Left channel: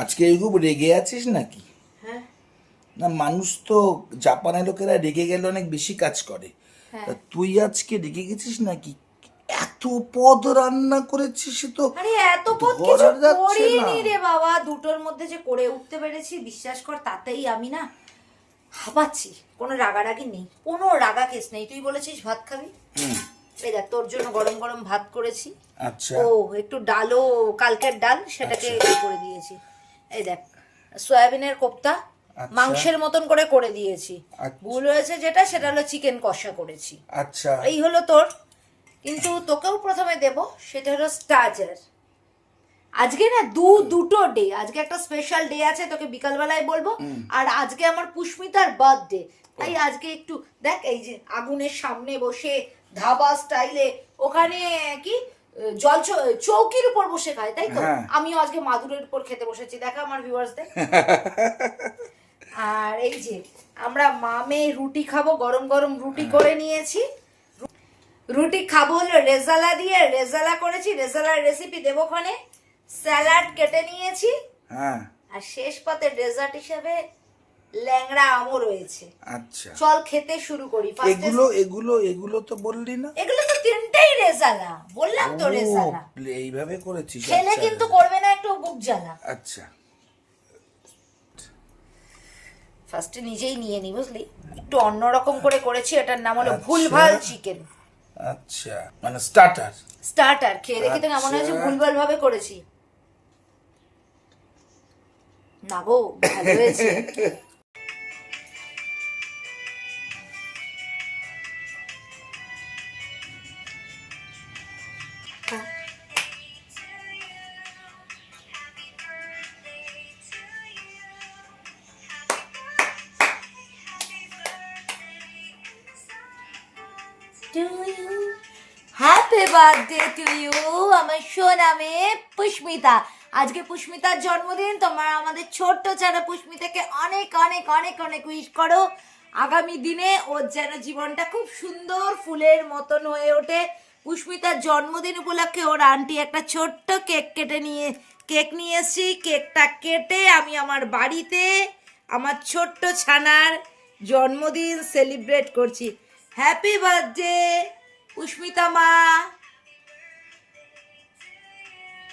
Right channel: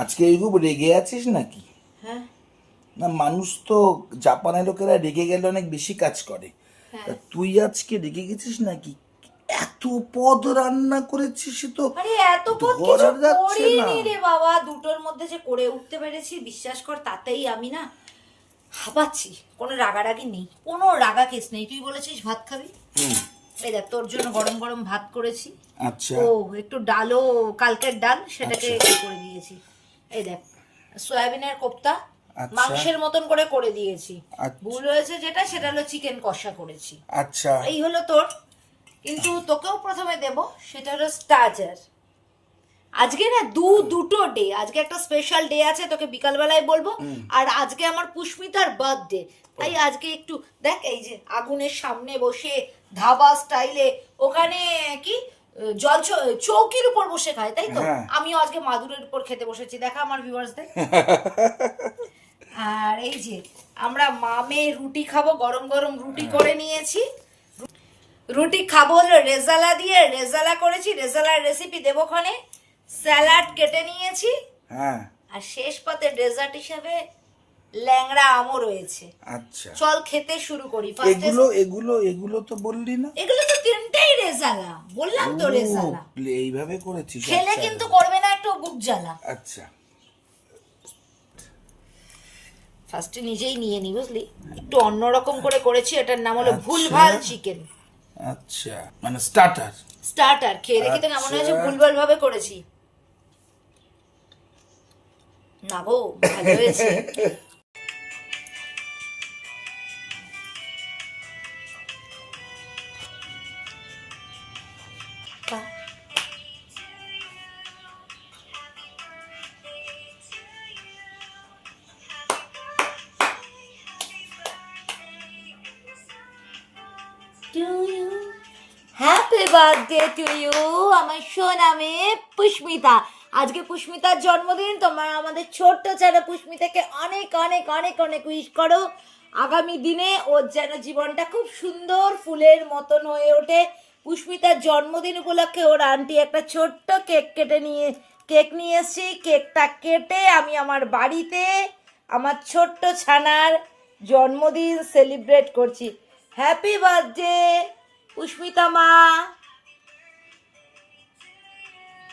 আজকে খুব রেগে আছিস নাকি? হ্যাঁ না, মানুষ তো জাপানের লোকেরা রেগে গেলে অনেক বেশি কাজ করে। তা তুই আজকে রেগে গেছিস নাকি? এত পদ রান্না করেছিস, সে তো আরে এত পথ কিছু ধরা যাচ্ছে না। করিনি রে বাবা, দুটোর মধ্যে যে করে উঠতে পেরেছি বিশ্বাস কর, তাতেই আমি না হাঁপাচ্ছি। কোনো রাগারাগি নেই, কোনো রাগা কেস নেই। তুই বলেছিস ভাত খাবি, এই দেখ তোর জন্য গরম গরম ভাত করেছি। আচ্ছা ও একটু ডালও, কালকের ডাল সেটাকে করে দিয়েছি। এই দেখ সয়াবিনের কোপ্তা আচ্ছা। মাংসের মতন করে দিয়েছি। আচ্ছা। ভুল হয়েছে যেটা, সেটা হলো চিকেন কষা করেছি। আচ্ছা এই হলো তোর। কিন্তু তোকেও প্রথমে দেব, সেটা হলো স্টার্টার। আজকে না দুটো ডে, আজকে একটা স্পেশাল ডে আছে, তোকে বিকালবেলায় বলবো। আর আজকে আমার পুষ্মিতার বার্থডে, তাই আজকে একটু দেখ, এই যে আগুনের সামনে বসে ধাবা স্টাইলে, ওখানে কি জল চৌকির উপর বসে খায়, তাই তো? আমিও আজকে মাদুরের উপর খেতে বসেছি, দেখা আমার ভিউয়ার্সদের। আর এই যে আমরা মামে রুটি খাবো, গরম গরম রুটি করে নিয়েছি। রুটি খাবো হলো রেজালা দিয়ে, রেজালা করেছি, রেজালার রেসিপি দেবোখানে। স্যালাড কেটে নিয়েছি, হ্যাঁ। আর শেষ পাতে ডেজার্ট হিসাবে ল্যাংড়া আমও রয়েছে। আচ্ছা, চল খেতে শুরু করি। এগুলো এগুলো এগুলো তো বললি না? এগুলো তো তিনটেই রেজালা, বললাম তো রেজালা। এইভাবে করেছিস? খেলে আচ্ছা, কিন্তু করবে না একটু বুক জ্বালা। আচ্ছা। ফার্স্টে নিজেই নিয়ে নি, বুঝলি? একটু অন্যরকম করে করেছি, এটার নাম হলো ভুলভাল চিকেন। আচ্ছা, মানে স্টার্টার। স্টার্টার খেয়ে দেখি তো কেমন হয়েছে। ভুলভাল ভাবে করেছি না গো, ভালো হয়েছে। হ্যাপি বার্থডে টু ইউ আমার সোনা মেয়ে পুষ্মিতা। আজকে পুষ্মিতার জন্মদিন। তোমরা আমাদের ছোট্ট ছাড়া পুষ্মিতাকে অনেক অনেক অনেক অনেক উইশ করো। আগামী দিনে ওর যেন জীবনটা খুব সুন্দর ফুলের মতন হয়ে ওঠে। পুষ্মিতার জন্মদিন উপলক্ষে ওর আন্টি একটা ছোট্ট কেক নিয়ে এসেছি। কেকটা কেটে আমি আমার বাড়িতে আমার ছোট্ট ছানার জন্মদিন সেলিব্রেট করছি। হ্যাপি বার্থডে পুষ্মিতা মা।